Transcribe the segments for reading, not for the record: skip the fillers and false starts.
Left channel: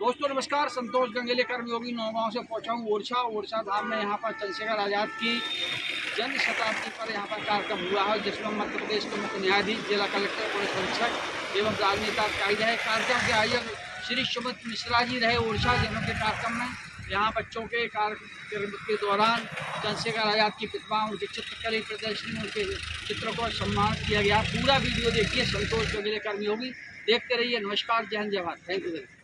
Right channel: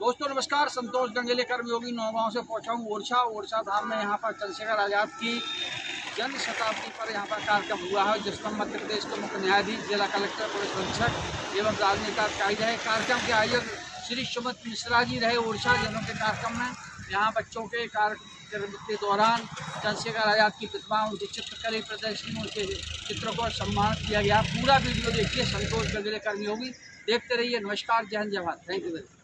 दोस्तों नमस्कार, संतोष गंगेले कर्मयोगी नौगांव से पहुंचा हूँ ओरछा धाम में। यहाँ पर चंद्रशेखर आज़ाद की जन्म शताब्दी पर यहाँ पर कार्यक्रम हुआ है, जिसमें मध्य प्रदेश के मुख्य न्यायाधीश, जिला कलेक्टर, पुलिस अधीक्षक एवं राजनेता अधिकारी रहे। कार्यक्रम के आयोजक श्री सुमित मिश्रा जी रहे ओरछा, जिन्होंने कार्यक्रम में यहाँ बच्चों के कार्यक्रम के दौरान चंद्रशेखर आज़ाद की प्रतिमा, उनकी चित्रकला प्रदर्शनी, उनके चित्रों को सम्मानित किया गया। पूरा वीडियो देखिए, संतोष गंगेले कर्मयोगी। देखते रहिए। नमस्कार, जय हिंद, जय Bharat. Thank you very much.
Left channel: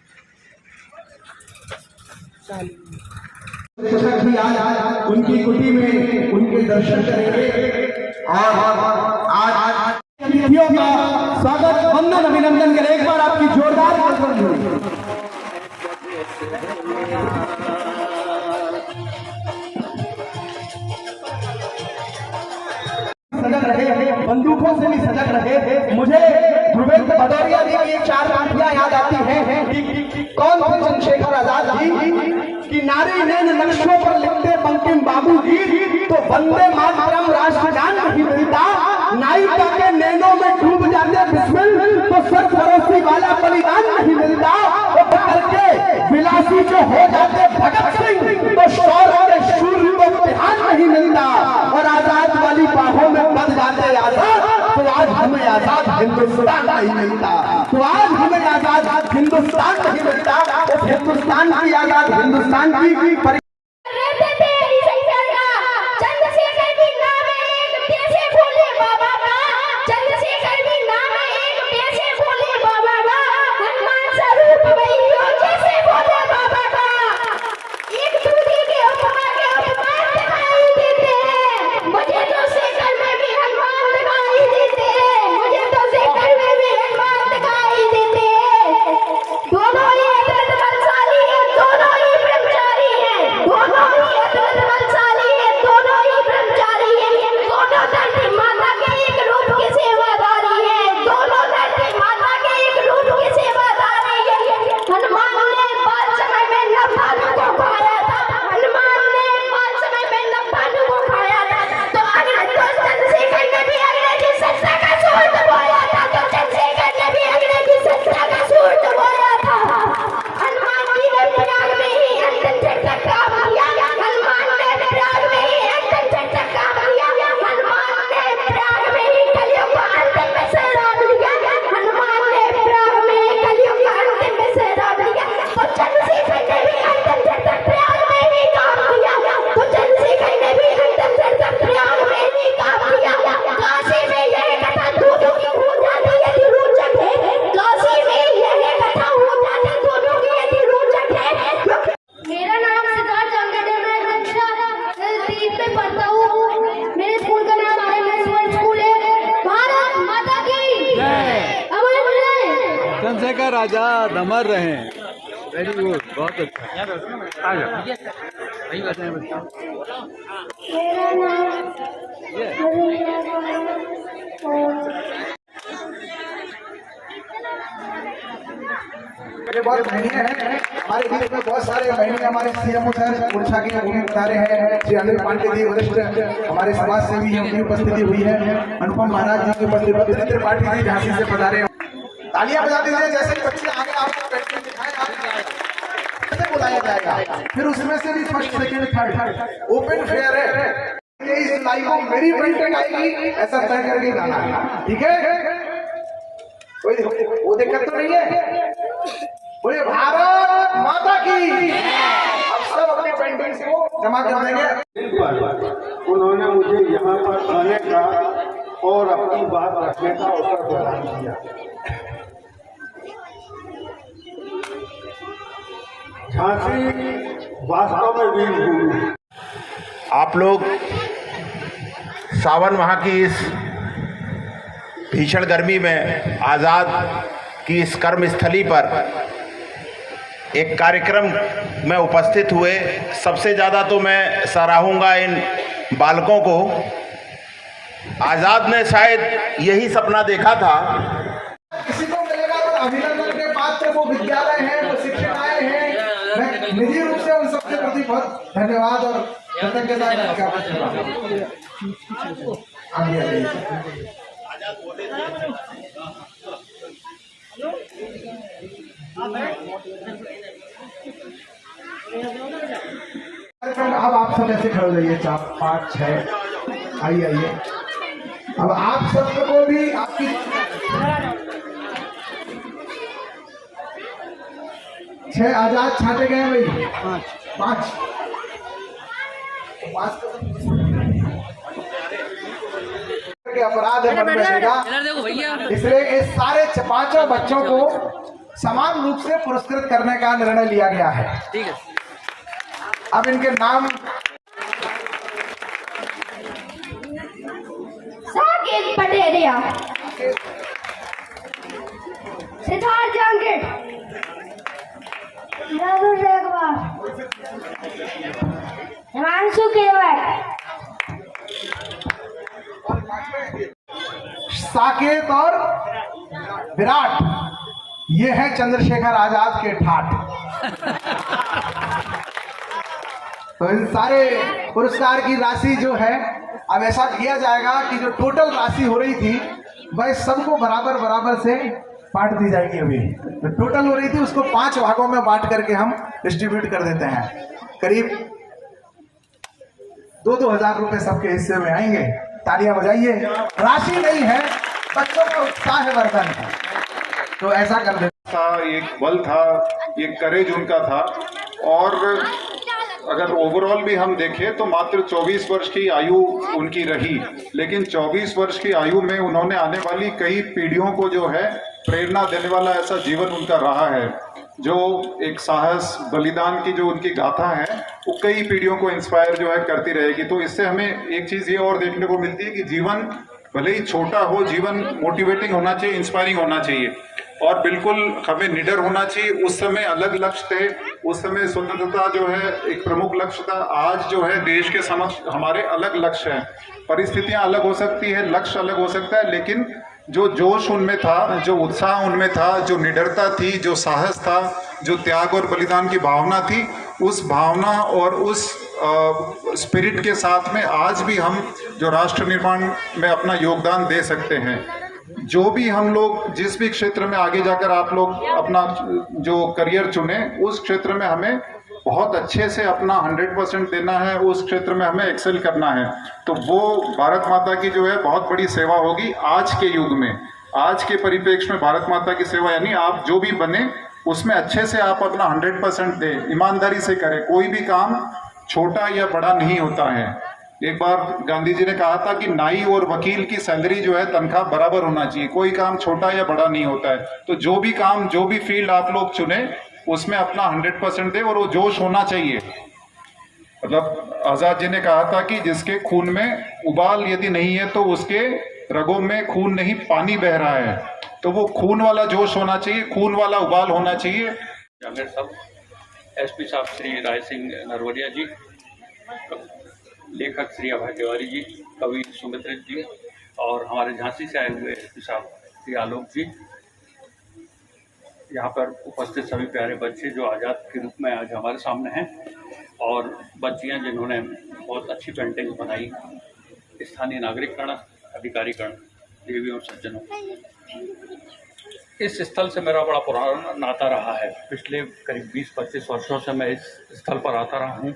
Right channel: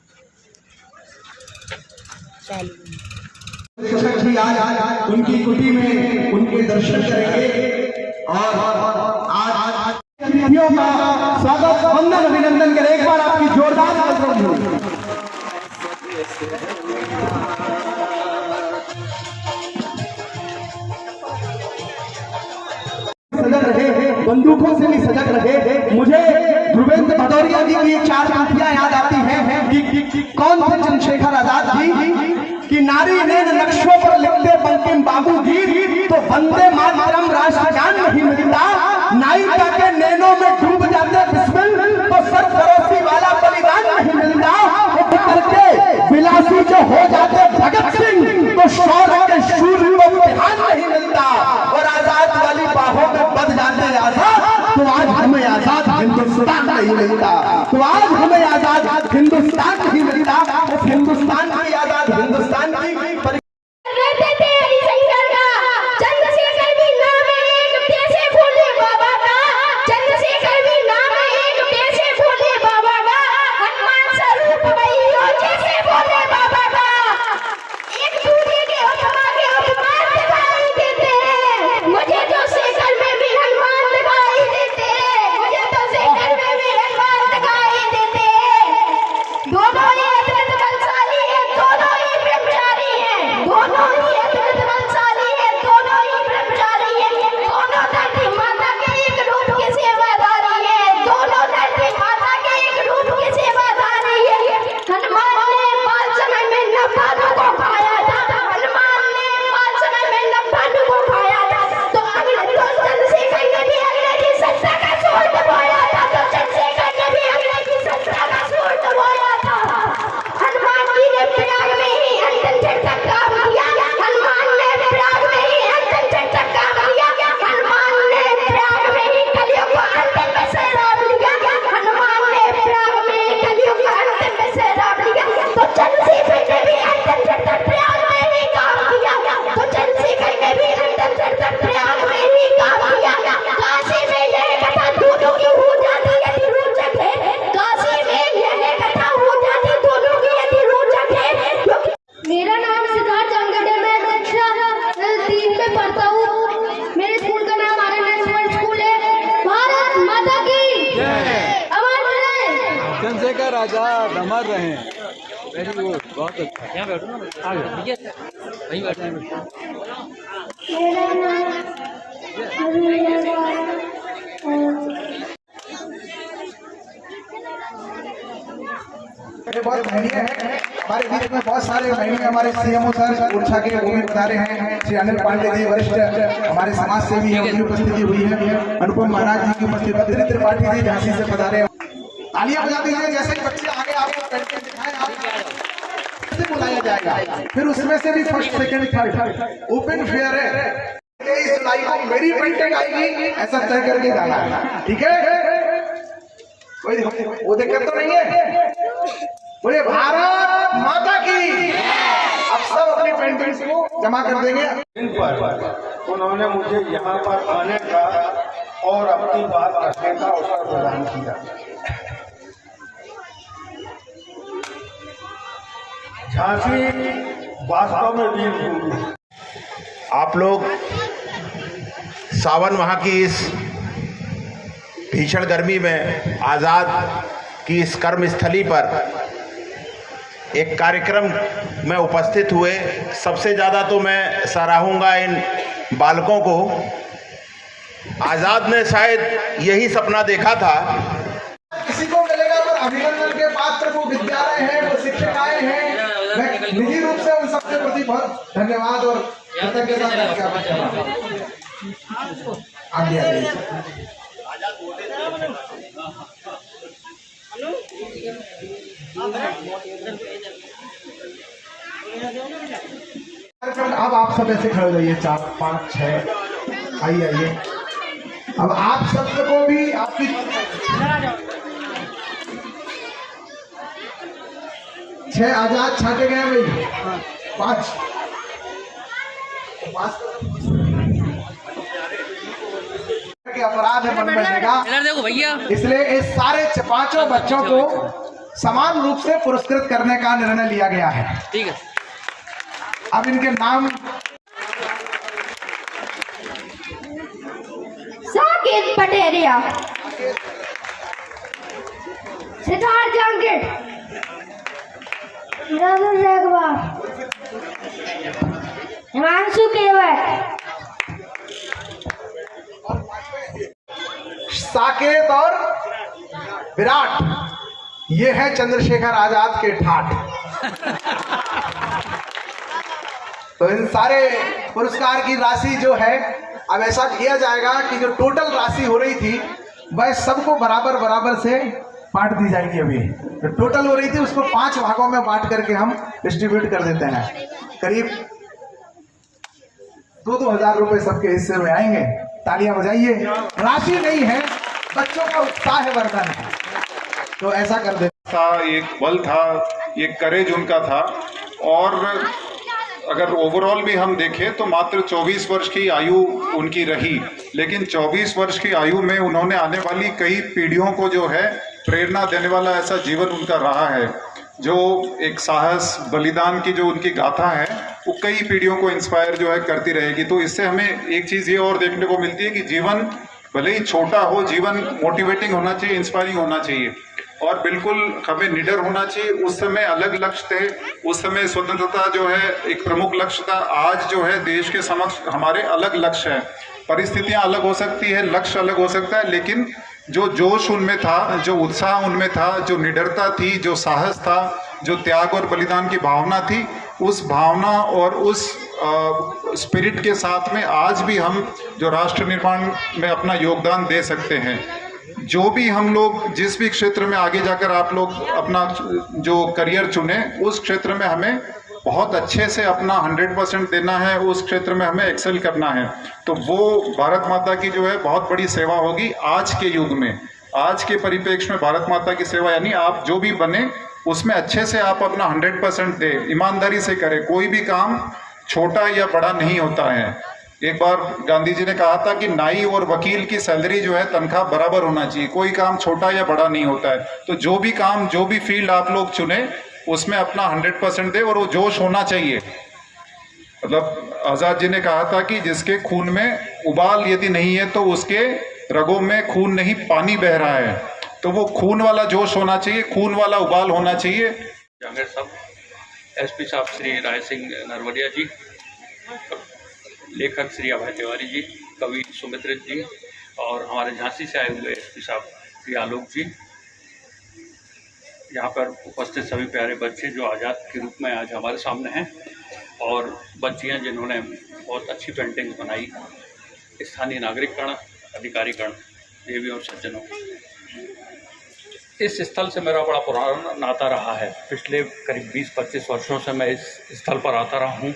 उनकी कुटी में उनके दर्शन करेंगे और आज अतिथियों का स्वागत, वंदन, अभिनंदन करें। एक बार आपकी जोरदार सजग रहे, बंदूकों से भी सजग रहे। मुझे ध्रुवेंद्र भदौरिया जी की चार पंक्तियां याद आती हैं कि कौन थे चंद्रशेखर आजाद जी कि नारी नैन नक्शों पर लिखते बंकिम बाबू जी, तो वंदे मातरम राष्ट्रगान नहीं मिलता। नायिका के नैनों में डूब जाते बिस्मिल, तो स्वर्ग फरोसी वाला बलिदान नहीं मिलता। वो बिखर के विलासी जो हो जाते भगत सिंह, तो शौर्य के शूर को ध्यान नहीं मिलता। और आजाद वाली बाहों में बच जाते आजाद, तो आज हमें आजाद हिंदुस्तान नहीं मिलता। तो आज हमें आजाद हिंदुस्तान नहीं मिलता। उस हिंदुस्तान की आजाद हिंदुस्तान की चंद्रशेखर आजाद अमर रहे। वेरी गुड, बहुत अच्छा। यहाँ बैठो ना, आ जाओ, वहीं बैठे हैं बच्चे। बहुत महीने हैं हमारे बीच में, बहुत सारे महीने हमारे सीएमओ सर ओरछा के भूमि पधारे हैं। श्री अनिल पांडे जी वरिष्ठ हमारे समाज सेवी हैं, उनकी उपस्थिति हुई है। अनुपम महाराज जी की उपस्थिति, बद्री त्रिपाठी जी झांसी से पधारे। तालियां बजा दीजिए। जैसे बच्चे आगे आपको पेंटिंग दिखाएं, कैसे बुलाया जाएगा, फिर उसमें से भी first second third open fair है। 23 जुलाई को मेरी पेंटिंग आएगी, ऐसा तय करके जाना, ठीक है? वो दिक्कत तो नहीं है। बोले भारत माता की। अब सब अपनी पेंटिंग्स को जमा कर देंगे। उन्होंने मुझे यहाँ पर आने का और अपनी बात रखने का अवसर प्रदान किया। झांसी वास्तव में वीरभूमि। आप लोग सावन माह की इस भीषण गर्मी में आज़ाद की इस कर्मस्थली पर एक कार्यक्रम में उपस्थित हुए। सबसे ज़्यादा तो मैं सराहूंगा इन बालकों को। आज़ाद ने शायद यही सपना देखा था। किसी को मिलेगा तो अभिनंदन के पात्र वो विद्यालय है, वो शिक्षिकाएं हैं। मैं निजी रूप से उन सबके प्रति बहुत धन्यवाद और कृतज्ञता ज्ञापन करता हूं। सेकंड, अब आप सब ऐसे खड़े हो जाइए, 4 5 6, आइए आइए। अब आप सबको भी आपकी 6 आजाद छाटे गए भाई, 5 के अपराध है मन बनेगा, इसलिए इस सारे 5 बच्चों को समान रूप से पुरस्कृत करने का निर्णय लिया गया है। ठीक है। अब इनके नाम साकेत पटेरिया, सिद्धार्थ जांगिड़, राहुल राघवा, हिमांशु केवट, साकेत और विराट, ये है चंद्रशेखर आजाद के ठाठ। तो इन सारे पुरस्कार की राशि जो है अब ऐसा किया जाएगा कि जो टोटल राशि हो रही थी वह सबको बराबर बराबर से बांट दी जाएगी। अभी जो टोटल हो रही थी उसको 5 भागों में बांट करके हम डिस्ट्रीब्यूट कर देते हैं। करीब 2-2 हजार रुपए सबके हिस्से में आएंगे। तालियां बजाइए। राशि नहीं है, बच्चों का उत्साह वर्धन है, तो ऐसा कर देते था, एक बल था, एक करेज उनका था। और अगर ओवरऑल भी हम देखें तो मात्र 24 वर्ष की आयु उनकी रही, लेकिन 24 वर्ष की आयु में उन्होंने आने वाली कई पीढ़ियों को जो है प्रेरणा देने वाला ऐसा जीवन उनका रहा है। जो एक साहस बलिदान की जो उनकी गाथा है वो कई पीढ़ियों को इंस्पायर जो है करती रहेगी। तो इससे हमें एक चीज़ ये और देखने को मिलती है कि जीवन भले ही छोटा हो, जीवन मोटिवेटिंग होना चाहिए, इंस्पायरिंग होना चाहिए और बिल्कुल हमें निडर होना चाहिए। उस समय अलग लक्ष्य थे, उस समय स्वतंत्रता जो है एक प्रमुख लक्ष्य था। आज जो है देश के समक्ष हमारे अलग लक्ष्य हैं, परिस्थितियां अलग हो सकती है, लक्ष्य अलग हो सकता है, लेकिन जो जोश उनमें था, जो उत्साह उनमें था, जो निडरता थी, जो साहस था, जो त्याग और बलिदान की भावना थी, उस भावना और उस स्पिरिट के साथ में आज भी हम जो राष्ट्र निर्माण में अपना योगदान दे सकते हैं। जो भी हम लोग जिस भी क्षेत्र में आगे जाकर आप लोग अपना जो करियर चुने, उस क्षेत्र में हमें बहुत अच्छे से अपना 100% देना है, उस क्षेत्र में हमें एक्सेल करना है। तो वो भारत माता की जो है बहुत बड़ी सेवा होगी आज के युग में, आज के परिप्रेक्ष्य में। भारत माता की सेवा यानी आप जो भी बने उसमें अच्छे से आप अपना 100% दें, ईमानदारी से करें। कोई भी काम छोटा या बड़ा नहीं होता है। एक बार गांधी जी ने कहा था कि नाई और वकील की सैलरी जो है तनख्वाह बराबर होना चाहिए, कोई काम छोटा या बड़ा नहीं होता है। तो जो भी काम, जो भी फील्ड आप लोग चुने उसमें अपना 100% दे और वो जोश होना चाहिए। मतलब आजाद जी ने कहा था कि जिसके खून में उबाल यदि नहीं है तो उसके रगों में खून नहीं, पानी बह रहा है। तो वो खून वाला जोश होना चाहिए, खून वाला उबाल होना चाहिए। जांगड़ साहब, एसपी साहब श्री राय सिंह नरवरिया जी, लेखक श्री अभय तिवारी जी, कवि सुमित्र जी और हमारे झांसी से आए हुए एसपी साहब श्री आलोक जी, यहाँ पर उपस्थित सभी प्यारे बच्चे जो आज़ाद के रूप में आज हमारे सामने हैं, और बच्चियाँ जिन्होंने बहुत अच्छी पेंटिंग्स बनाई, स्थानीय नागरिकगण, अधिकारीगण, देवियों और सज्जनों। इस स्थल से मेरा बड़ा पुराना नाता रहा है। पिछले करीब 20-25 वर्षों से मैं इस स्थल पर आता रहा हूँ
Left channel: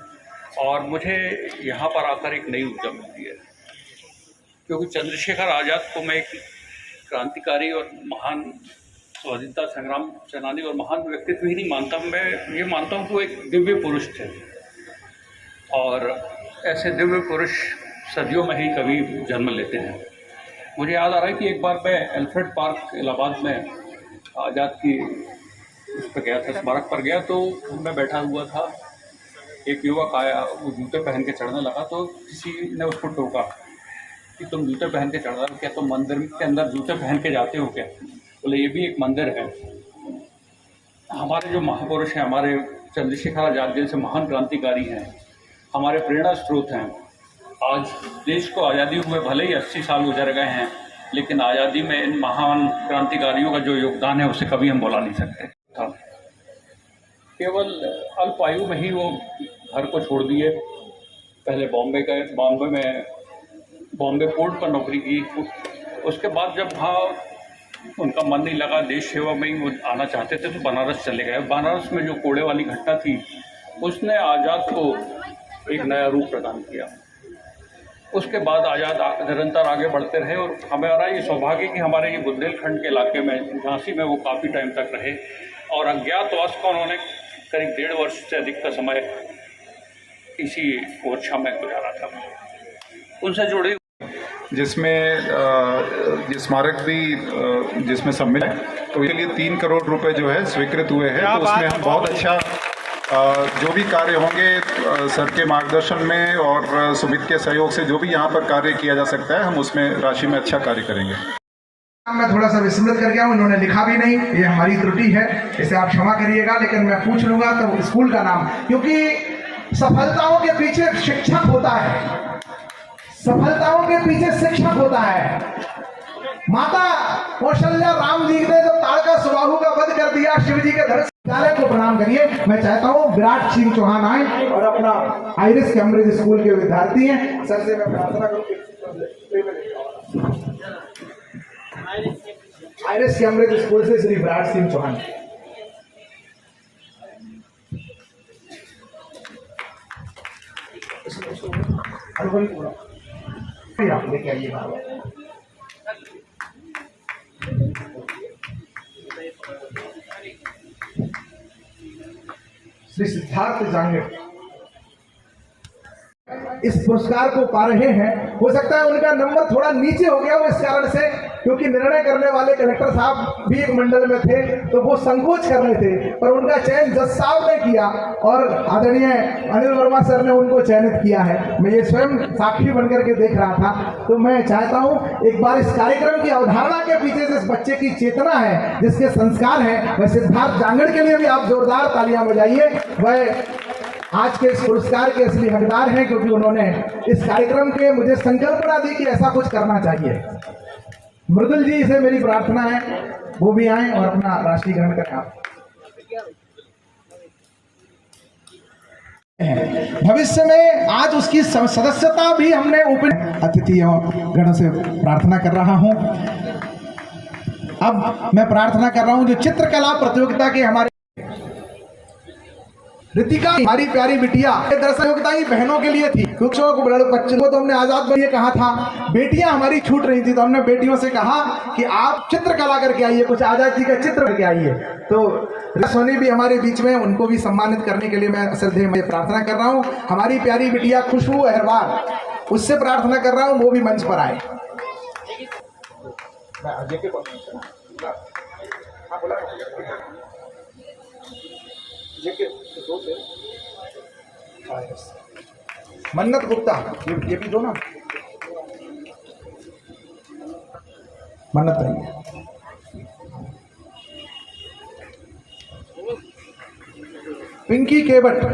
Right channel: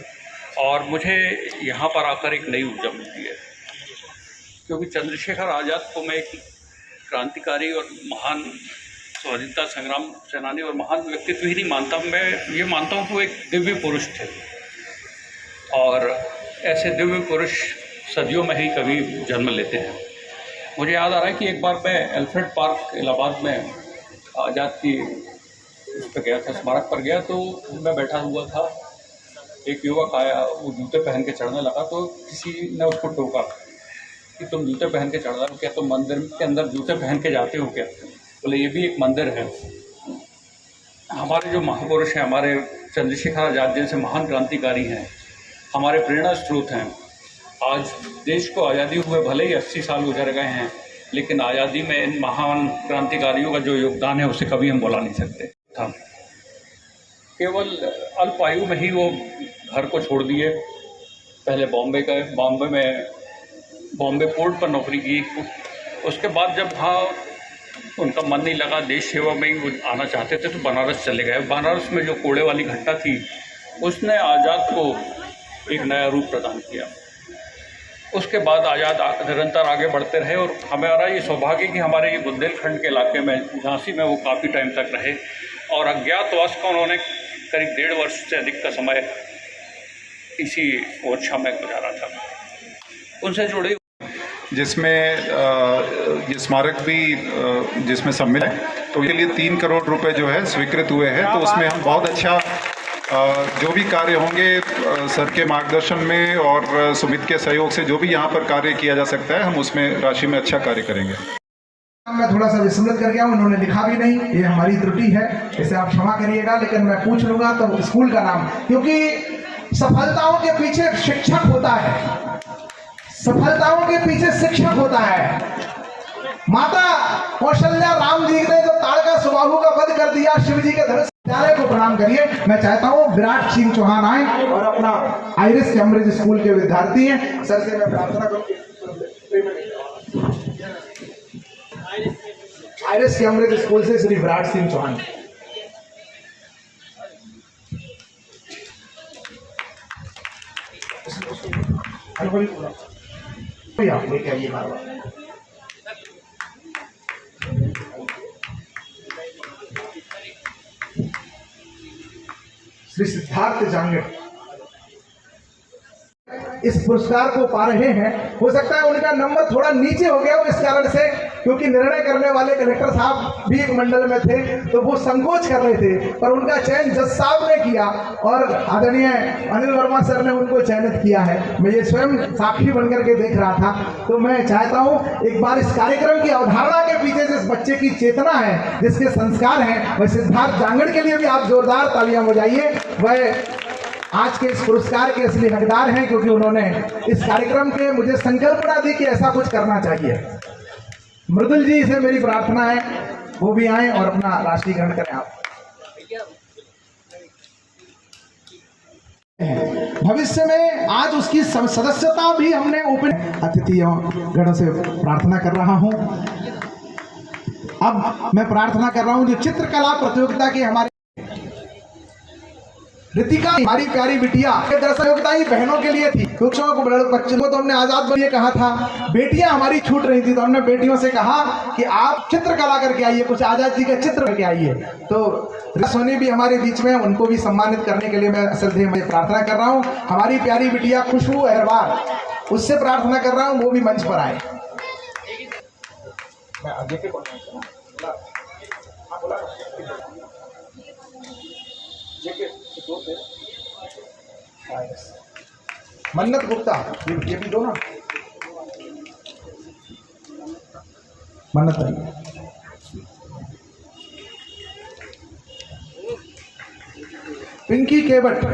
और मुझे यहाँ पर आकर एक नई ऊर्जा मिलती है, क्योंकि चंद्रशेखर आज़ाद को मैं एक क्रांतिकारी और महान स्वतंत्रता संग्राम सेनानी और महान व्यक्तित्व ही नहीं मानता, मैं ये मानता हूँ कि वो एक दिव्य पुरुष थे। और ऐसे दिव्य पुरुष सदियों में ही कभी जन्म लेते हैं। मुझे याद आ रहा है कि एक बार मैं एल्फ्रेड पार्क इलाहाबाद में आज़ाद की उस पर गया था, स्मारक पर गया, तो मैं बैठा हुआ था, एक युवक आया, वो जूते पहन के चढ़ने लगा, तो किसी ने उसको टोका कि तुम जूते पहन के चढ़ रहे हो क्या, तुम मंदिर के अंदर जूते पहन के जाते हो क्या? बोले ये भी एक मंदिर है। हमारे जो महापुरुष हैं, हमारे चंद्रशेखर आज़ाद जैसे महान क्रांतिकारी हैं, हमारे प्रेरणा स्रोत हैं। आज देश को आज़ादी हुए भले ही 80 साल गुजर गए हैं, लेकिन आज़ादी में इन महान क्रांतिकारियों का जो योगदान है उसे कभी हम भुला नहीं सकते। था केवल अल्प आयु में ही वो घर को छोड़ दिए, पहले बॉम्बे गए, बॉम्बे पोर्ट पर नौकरी की। उसके बाद जब वहाँ उनका मन नहीं लगा, देश सेवा में ही वो आना चाहते थे, तो बनारस चले गए। बनारस में जो कोड़े वाली घटना थी उसने आज़ाद को एक नया रूप प्रदान किया। उसके बाद आज़ाद निरंतर आगे बढ़ते रहे और हमारा ये सौभाग्य कि हमारे ये बुंदेलखंड के इलाके में झांसी में वो काफ़ी टाइम तक रहे और अज्ञातवास का उन्होंने करीब 1.5 वर्ष से अधिक का समय इसी ओरछा में गुजारा था। उनसे जुड़ी जिसमें ये स्मारक भी जिसमें सम्मिलित है, तो इसके लिए 3 करोड़ रुपए जो है स्वीकृत हुए हैं। तो उसमें हम बहुत अच्छा जो भी कार्य होंगे सर के मार्गदर्शन में और सुमित के सहयोग से जो भी यहाँ पर कार्य किया जा सकता है, हम उसमें राशि में अच्छा कार्य करेंगे। मैं थोड़ा सा विस्मृत कर गया हूँ, इन्होंने लिखा भी नहीं, ये हमारी त्रुटि है, इसे आप क्षमा करिएगा। लेकिन मैं पूछ लूंगा तो स्कूल का नाम, क्योंकि सफलताओं के पीछे शिक्षक होता है, सफलताओं के पीछे शिक्षक होता है। माता कौशल्या राम जी ने जब ताड़का सुबाहु का वध कर दिया, शिव जी के धनुष विद्यालय को प्रणाम करिए। मैं चाहता हूँ विराट सिंह चौहान आए और अपना आइरिस कैम्ब्रिज स्कूल के विद्यार्थी हैं, सर से मैं प्रार्थना करूँ। आइरिस कैम्ब्रिज स्कूल से श्री विराट सिंह चौहान। आप लेके आइए बार-बार। श्री सिद्धार्थ जांगड़ इस पुरस्कार को पा रहे हैं। हो सकता है उनका नंबर थोड़ा नीचे हो गया हो इस कारण से, क्योंकि निर्णय करने वाले कलेक्टर साहब भी एक मंडल में थे तो वो संकोच कर रहे थे, पर उनका चयन जज साहब ने किया और आदरणीय अनिल वर्मा सर ने उनको चयनित किया है। मैं ये स्वयं साक्षी बनकर के देख रहा था। तो मैं चाहता हूँ एक बार इस कार्यक्रम की अवधारणा के पीछे जिस बच्चे की चेतना है, जिसके संस्कार हैं, वह सिद्धार्थ जांगड़ के लिए भी आप जोरदार तालियां बजाइए। वह आज के इस पुरस्कार के असली हकदार हैं, क्योंकि उन्होंने इस कार्यक्रम के मुझे संकल्पना दी कि ऐसा कुछ करना चाहिए। मृदुल जी से मेरी प्रार्थना है वो भी आए और अपना राष्ट्रीय ग्रहण करें। आप भविष्य में आज उसकी सदस्यता भी हमने अतिथियों गणों से प्रार्थना कर रहा हूं। अब मैं प्रार्थना कर रहा हूं जो चित्रकला प्रतियोगिता के हमारे रितिका, हमारी प्यारी बिटिया, ये दरअसल प्रतियोगिता ही बहनों के लिए थी। कुछ बच्चों को तो हमने आजाद बनिए कहा था, बेटियां हमारी छूट रही थी, तो हमने बेटियों से कहा कि आप चित्रकला करके आइए, कुछ आजाद जी का चित्र करके आइए। तो सोनी भी हमारे बीच में, उनको भी सम्मानित करने के लिए मैं श्रद्धेय में प्रार्थना कर रहा हूँ। हमारी प्यारी बिटिया खुशबू अहरवाल, उससे प्रार्थना कर रहा हूँ वो भी मंच पर आए। मन्नत गुप्ता, ये भी दो ना, मन्नत नहीं। पिंकी केवट,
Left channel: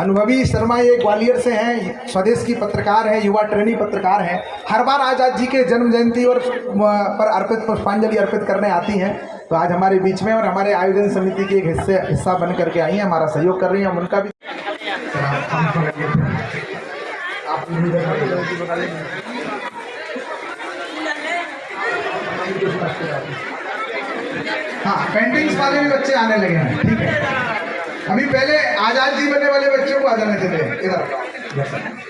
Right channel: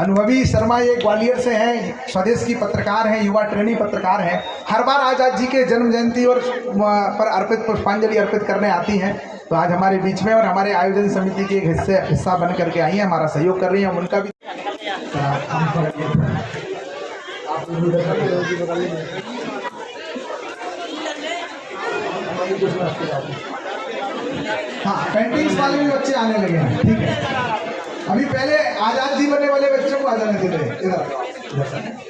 अनुभवी शर्मा ये ग्वालियर से हैं, स्वदेश की पत्रकार हैं, युवा ट्रेनी पत्रकार हैं। हर बार आजाद जी के जन्म जयंती और पर अर्पित पुष्पांजलि अर्पित करने आती हैं। तो आज हमारे बीच में और हमारे आयोजन समिति के एक हिस्सा बन करके आई हैं, हमारा सहयोग कर रही हैं। हम उनका भी हाँ, पेंटिंग्स वाले भी बच्चे आने लगे हैं। ठीक है, अभी पहले आजाद जी बनने वाले बच्चों को आ जाने देते हैं इधर।